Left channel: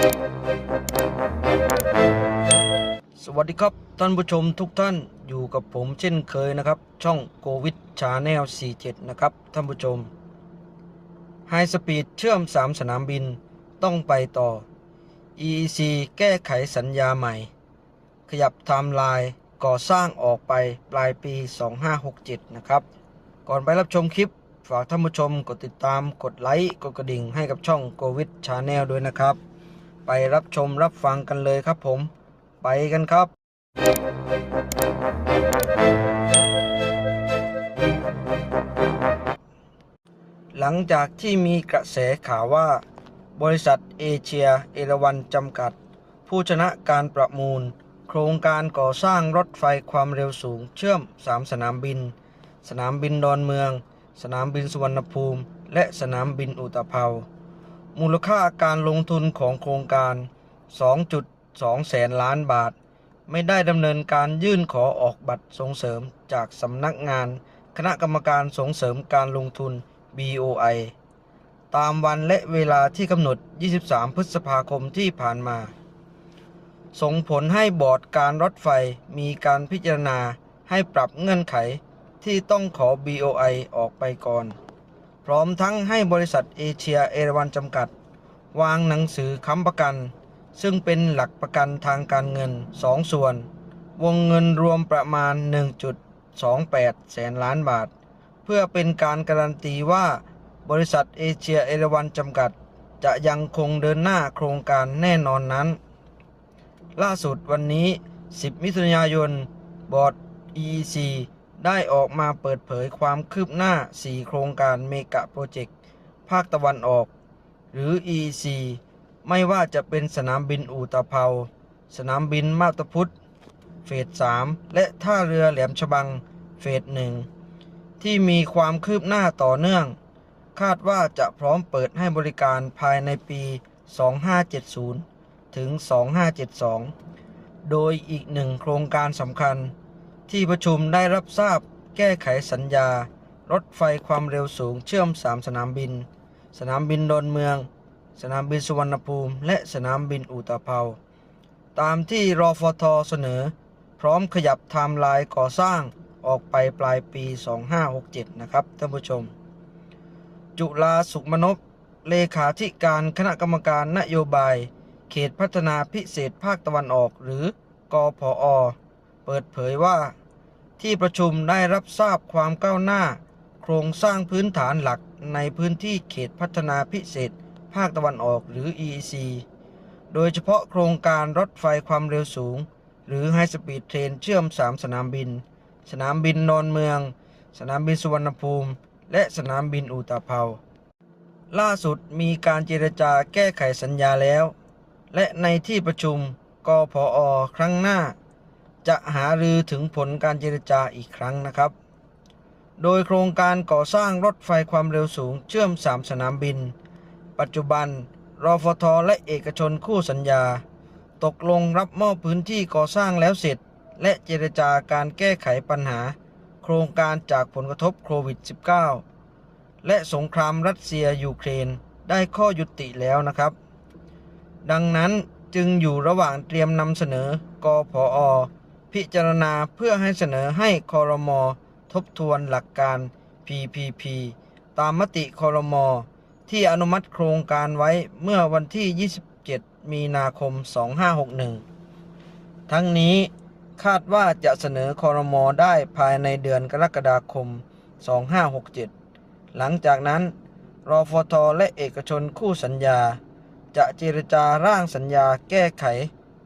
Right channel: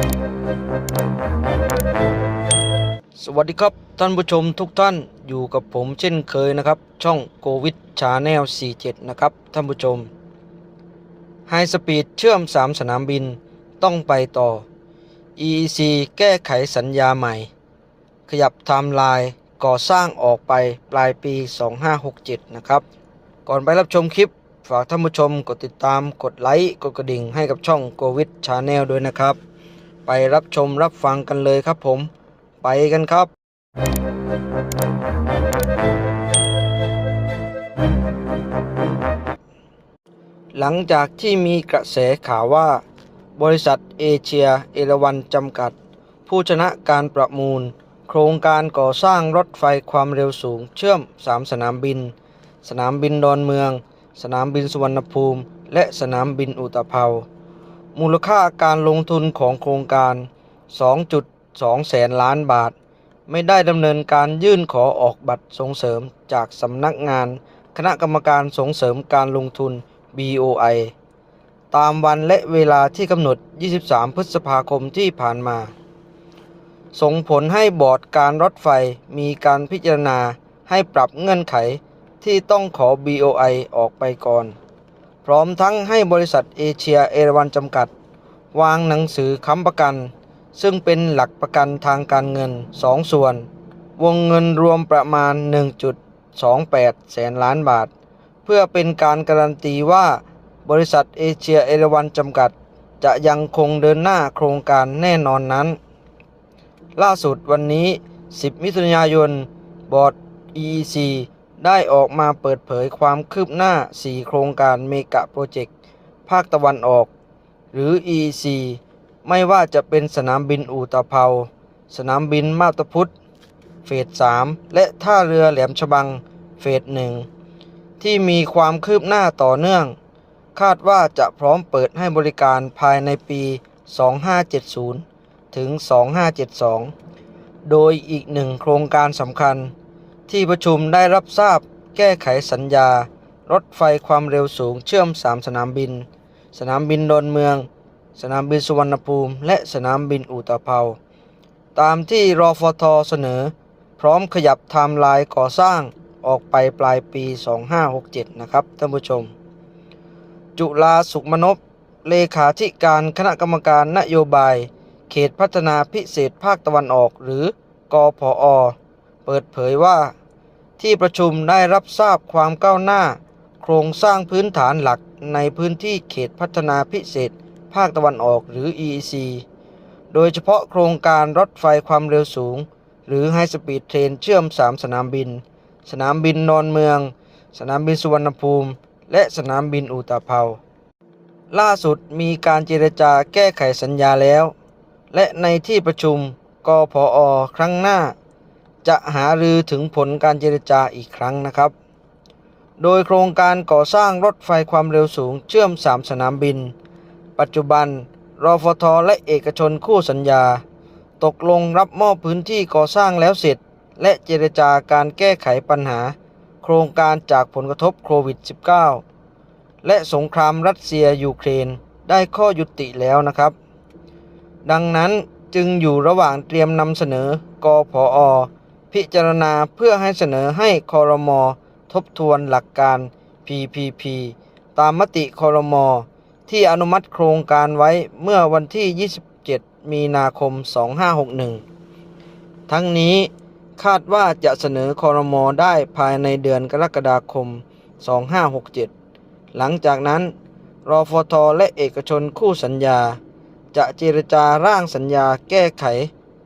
สวัสดีครับท่านผู้ชมทุกท่านอยู่กับผมเช่นเคยนะครับ ช่องโควิดชาแนล47 นะครับท่านผู้ชมไฮสปีดเชื่อม 3 สนามบินต้องไปต่อ EEC แก้ไขสัญญาใหม่ ขยับไทม์ไลน์ก่อสร้างออกไปปลายปี 2567 นะครับ ก่อนไปรับชมคลิป ฝากท่านผู้ชมกดติดตามกดไลค์ กดกระดิ่งให้กับช่องโควิดชาแนลด้วยนะครับ ไปรับชมรับฟังกันเลยครับผม ไปกันครับ หลังจากที่มีกระแสข่าวว่า บริษัทเอเชียเอราวันจำกัด ผู้ชนะการประมูล โครงการก่อสร้างรถไฟความเร็วสูงเชื่อม 3 สนามบิน สนามบินดอนเมือง สนามบินสุวรรณภูมิ และสนามบินอุตภเปา มูลค่าการลงทุนของโครงการ 2.2 แสนล้านบาท ไม่ได้ดำเนินการยื่นขอออกบัตรส่งเสริมจากสำนักงาน คณะกรรมการส่งเสริมการลงทุน BOI ตามวันและเวลาที่กำหนด 23 พฤษภาคมที่ผ่านมา ส่งผลให้บอร์ดการรถไฟมีการพิจารณาให้ปรับเงื่อนไขที่ต้องขอ BOI ออกไปก่อน ร้อมทั้งให้บริษัทเอเชียเอราวันจำกัด วางหนังสือค้ำประกัน ซึ่งเป็นหลักประกันทางการเงิน 2 ส่วน วงเงินรวมประมาณ 1.28 แสนล้านบาท เพื่อเป็นการการันตีว่า บริษัทเอเชียเอราวันจำกัด จะยังคงเดินหน้าโครงการแน่นอนนั้น ล่าสุดวันนี้ 10 มิถุนายน บอร์ด EEC ได้ออกมาเปิดเผยความคืบหน้า 4 โครงการเมกะโปรเจกต์ ภาคตะวันออก หรือ EC ไม่ว่าจะเป็นสนามบินอู่ตะเภา สนามบินมาบตาพุธเฟส 3 และท่าเรือแหลมฉบัง เฟส 1 ที่มีความคืบหน้าต่อเนื่อง คาดว่าจะพร้อมเปิดให้บริการภายในปี 2570 ถึง 2572 โดยอีกหนึ่งโครงการสำคัญ ที่ประชุมได้รับทราบแก้ไขสัญญา รถไฟความเร็วสูงเชื่อม 3 สนามบิน สนามบินดอนเมือง สนามบินสุวรรณภูมิ และสนามบินอุตภเปาตามที่รอฟทเสนอ พร้อมขยับไทม์ไลน์ก่อสร้างออกไปปลายปี 2567 นะครับท่านผู้ชม จุลาสุขมนพเลขาธิการคณะกรรมการนโยบาย เขตพัฒนาพิเศษภาคตะวันออกหรือกอพอเปิดเผยว่า ที่ประชุมได้รับทราบความก้าวหน้า โครงสร้างพื้นฐานหลักในพื้นที่เขตพัฒนาพิเศษ ภาคตะวันออกหรือ EEC โดยเฉพาะโครงการรถไฟความเร็วสูง หรือไฮสปีดเทรนเชื่อม 3 สนามบิน สนามบินนอนเมือง สนามบินสุวรรณภูมิ และสนามบินอุตภเปาล่าสุดมีการเจรจาแก้ไขสัญญาแล้ว และในที่ประชุมกพอครั้งหน้า จะหารือถึงผลการเจรจาอีกครั้งนะครับ โดยโครงการก่อสร้างรถไฟความเร็วสูงเชื่อม 3 สนามบิน ปัจจุบันรอฟทและเอกชนคู่สัญญา ตกลงรับมอบพื้นที่ก่อสร้างแล้วเสร็จ และเจรจาการแก้ไขปัญหา โครงการจากผลกระทบโควิด -19 และสงครามรัสเซียยูเครนได้ข้อยุติแล้วนะครับ ดังนั้นจึงอยู่ระหว่างเตรียมนำเสนอกพอ พิจารณาเพื่อให้เสนอให้คอรมอทบทวนหลักการ PPP ตามมติคอรมอที่อนุมัติโครงการไว้เมื่อวันที่ 27 มีนาคม 2561 ทั้งนี้คาดว่าจะเสนอคอรมอได้ภายในเดือนกรกฎาคม 2567 หลังจากนั้นรอฟทและเอกชนคู่สัญญา จะเจรจาร่างสัญญาแก้ไข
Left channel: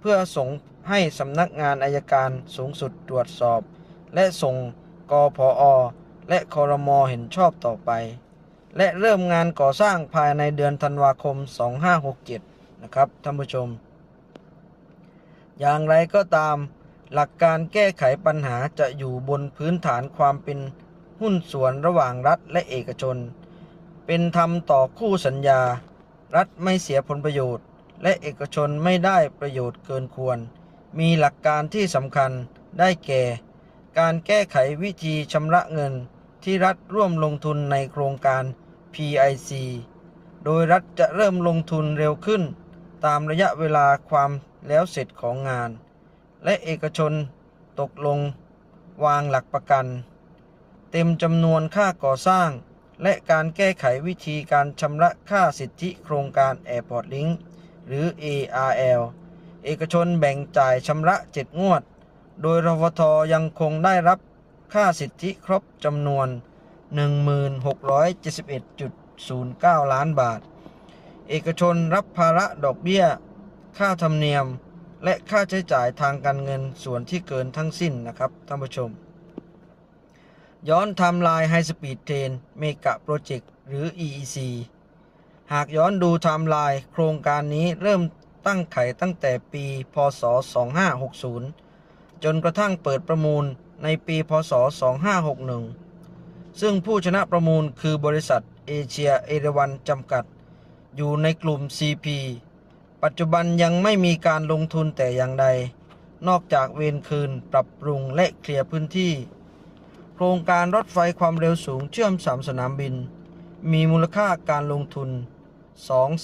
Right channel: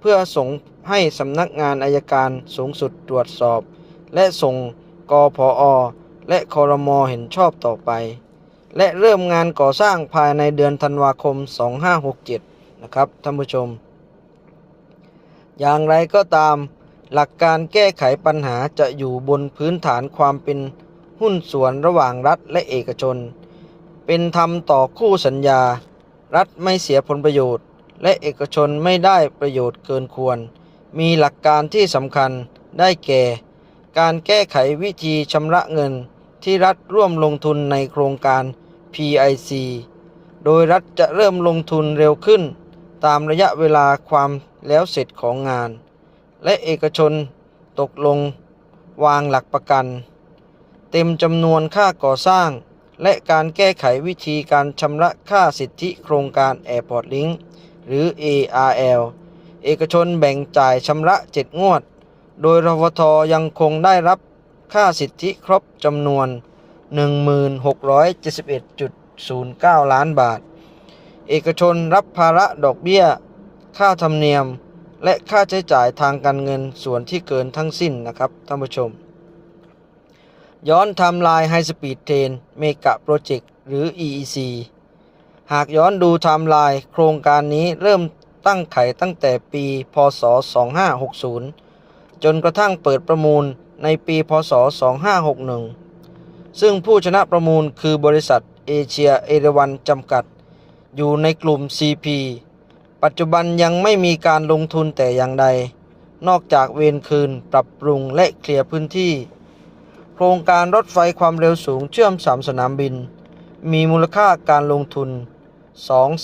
เพื่อส่ง ให้สำนักงานอายการสูงสุดตรวจสอบ และส่งกพอและคอรมอเห็นชอบต่อไป และเริ่มงานก่อสร้างภายในเดือนธันวาคม 2567 นะครับท่านผู้ชม อย่างไรก็ตามหลักการแก้ไขปัญหาจะอยู่บนพื้นฐานความเป็นหุ้นส่วนระหว่างรัฐและเอกชน เป็นธรรมต่อคู่สัญญา รัฐไม่เสียผลประโยชน์ และเอกชนไม่ได้ประโยชน์เกินควร มีหลักการที่สำคัญได้แก่ การแก้ไขวิธีชำระเงินที่รัฐร่วมลงทุนในโครงการ PIC โดยรัฐจะเริ่มลงทุนเร็วขึ้น ตามระยะเวลาความแล้วเสร็จของงาน และเอกชนตกลงวางหลักประกัน เต็มจำนวนค่าก่อสร้าง และการแก้ไขวิธีการชำระค่าสิทธิโครงการ Airport Link หรือ ARL เอกชนแบ่งจ่ายชำระ7งวด โดยรฟทยังคงได้รับค่าสิทธิครบจำนวน 1671.09 ล้านบาท เอกชนรับภาระดอกเบี้ย ค่าธรรมเนียม และค่าใช้จ่ายทางการเงินส่วนที่เกินทั้งสิ้นนะครับท่านผู้ชม ย้อนไทม์ไลน์ไฮสปีดเทรนเมกะโปรเจกต์หรือ EEC หากย้อนดูไทม์ไลน์โครงการนี้เริ่ม ตั้งไขตั้งแต่ปีพศ 2560 จนกระทั่งเปิดประมูลในปีพศ 2561 ซึ่งผู้ชนะประมูลคือบริษัทเอเชียเอราวันจำกัด อยู่ในกลุ่ม CP ปัจจุบันยังไม่มีการลงทุนแต่อย่างใด นอกจากเวนคืนปรับปรุงและเคลียร์พื้นที่ โครงการรถไฟความเร็วสูงเชื่อมสามสนามบิน มีมูลค่าการลงทุน 2 2 0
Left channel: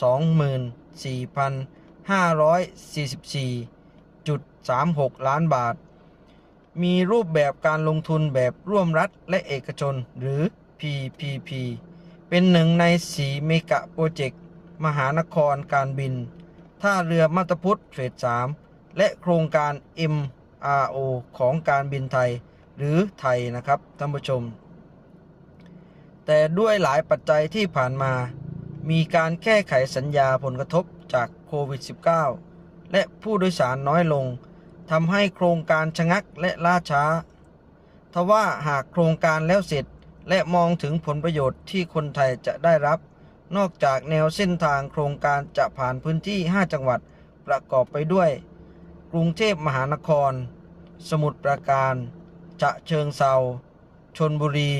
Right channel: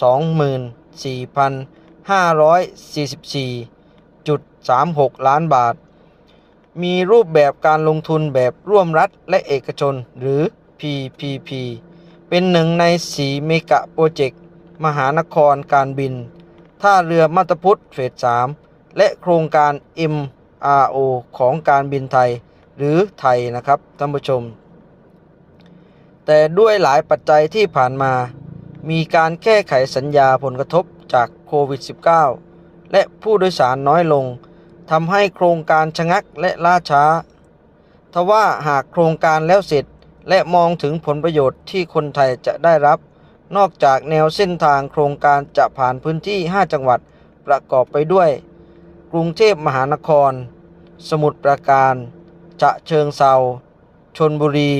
0 0 0 4,544.36 ล้านบาท มีรูปแบบการลงทุนแบบร่วมรัฐและเอกชนหรือ PPP เป็นหนึ่งในสีเมกะโปรเจกต์มหานครการบิน ท่าเรือมาตพุทธเฟส 3 และโครงการ MRO ของการบินไทย หรือไทยนะครับท่านผู้ชม แต่ด้วยหลายปัจจัยที่ผ่านมา มีการแก้ไขสัญญาผลกระทบจากโควิด -19 และผู้โดยสารน้อยลงทำให้โครงการชะงักและล่าช้า ทว่าหากโครงการแล้วเสร็จและมองถึงผลประโยชน์ที่คนไทยจะได้รับ นอกจากแนวเส้นทางโครงการจะผ่านพื้นที่ 5 จังหวัดประกอบไปด้วย กรุงเทพมหานคร สมุทรปราการฉะเชิงเซาชนบุรี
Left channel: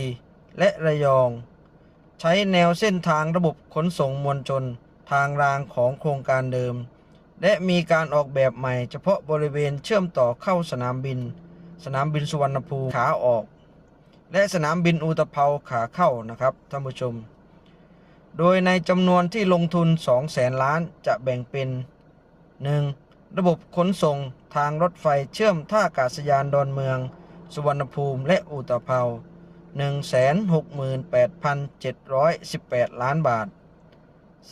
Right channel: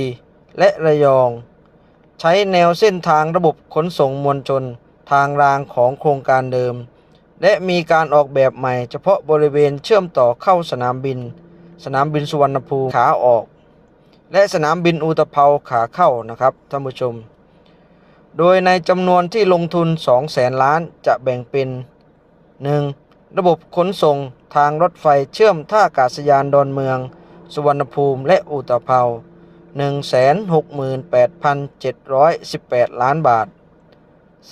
และระยอง ใช้แนวเส้นทางระบบขนส่งมวลชนทางรางของโครงการเดิม และมีการออกแบบใหม่เฉพาะบริเวณเชื่อมต่อเข้าสนามบิน สนามบินสุวรรณภูมิขาออก และสนามบินอุตภเปาขาเข้านะครับท่านผู้ชม โดยในจำนวนที่ลงทุน2แสนล้านจะแบ่งเป็น 1. ระบบขนส่งทางรถไฟเชื่อมท่าอากาศยานดอนเมือง สุวรรณภูมิและอุตภเปา 168,718 ล้านบาท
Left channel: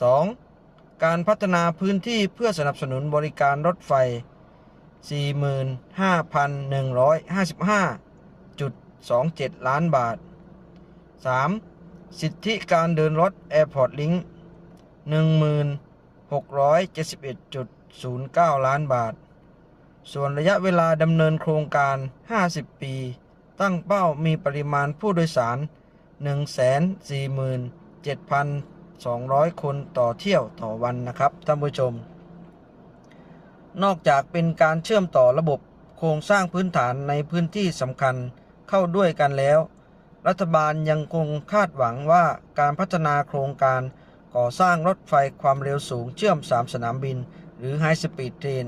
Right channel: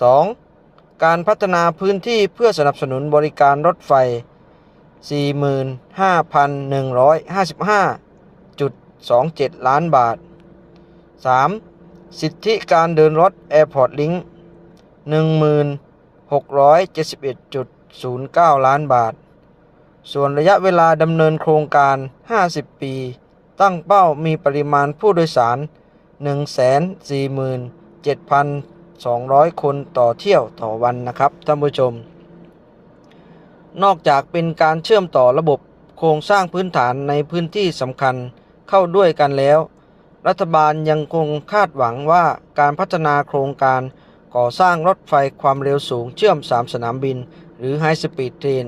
2. การพัฒนาพื้นที่เพื่อสนับสนุนบริการรถไฟ 45,155.27 ล้านบาท 3. สิทธิการเดินรถ Airport Link 1671.09 ล้านบาท ส่วนระยะเวลาดำเนินโครงการ 50 ปี ตั้งเป้ามีปริมาณผู้โดยสาร 147,200 คนต่อเที่ยวต่อวันนะครับท่านผู้ชม นอกจากเป็นการเชื่อมต่อระบบโครงสร้างพื้นฐานในพื้นที่สำคัญเข้าด้วยกันแล้ว รัฐบาลยังคงคาดหวังว่าการพัฒนาโครงการก่อสร้างรถไฟความเร็วสูงเชื่อม 3 สนามบิน หรือ High Speed Train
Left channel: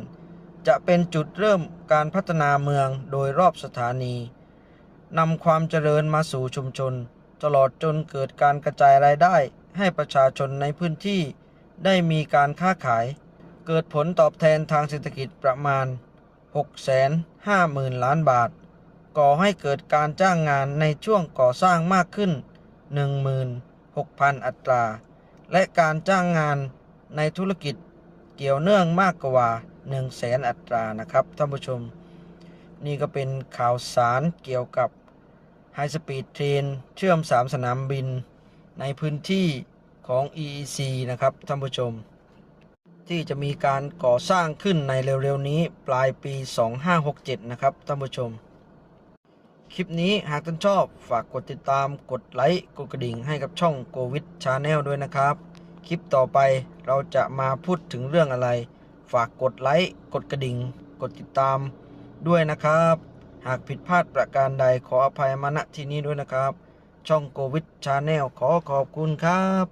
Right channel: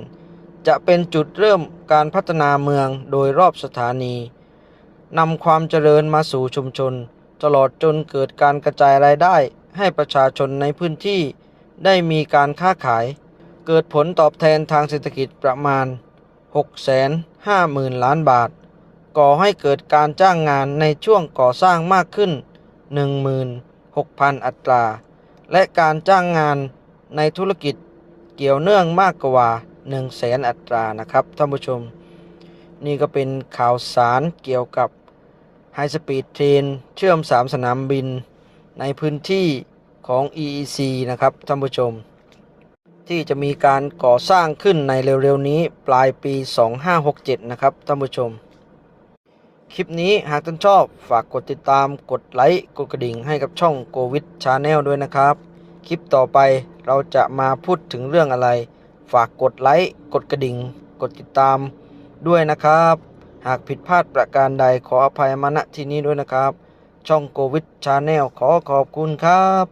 จะเป็นจุดเริ่มการพัฒนาเมืองโดยรอบสถานี นำความเจริญมาสู่ชุมชน ตลอดจนเกิดการกระจายรายได้ให้ประชาชนในพื้นที่ ได้มีการค้าขาย เกิดผลตอบแทนทางเศรษฐกิจประมาณ 650,000 ล้านบาท ก่อให้เกิดการจ้างงานในช่วงก่อสร้างมากขึ้น 16,000 อัตรา และการจ้างงานในธุรกิจเกี่ยวเนื่องมากกว่า 100,000อัตรานะครับท่านผู้ชม นี่ก็เป็นข่าวสารเกี่ยวกับ High Speed Train เชื่อม 3 สนามบิน ในพื้นที่ของ EEC นะครับท่านผู้ชม ที่จะมีการก่อสร้างขึ้นในเร็วๆนี้ปลายปี 2567 นะครับท่านผู้ชม คลิปนี้หากท่านชอบฝากกดติดตามกดไลค์กดกระดิ่งให้กับช่องโกวิดชาแนลด้วยนะครับ คลิปต่อไปเราจะมาพูดถึงเรื่องอะไร ฝากกดไลค์กดกระดิ่ง กดติดตามด้วยนะครับ หากผิดพลาดประการใดขออภัยมาณที่นี้ด้วยนะครับ ช่องโควิดชาแนลขอขอบคุณครับ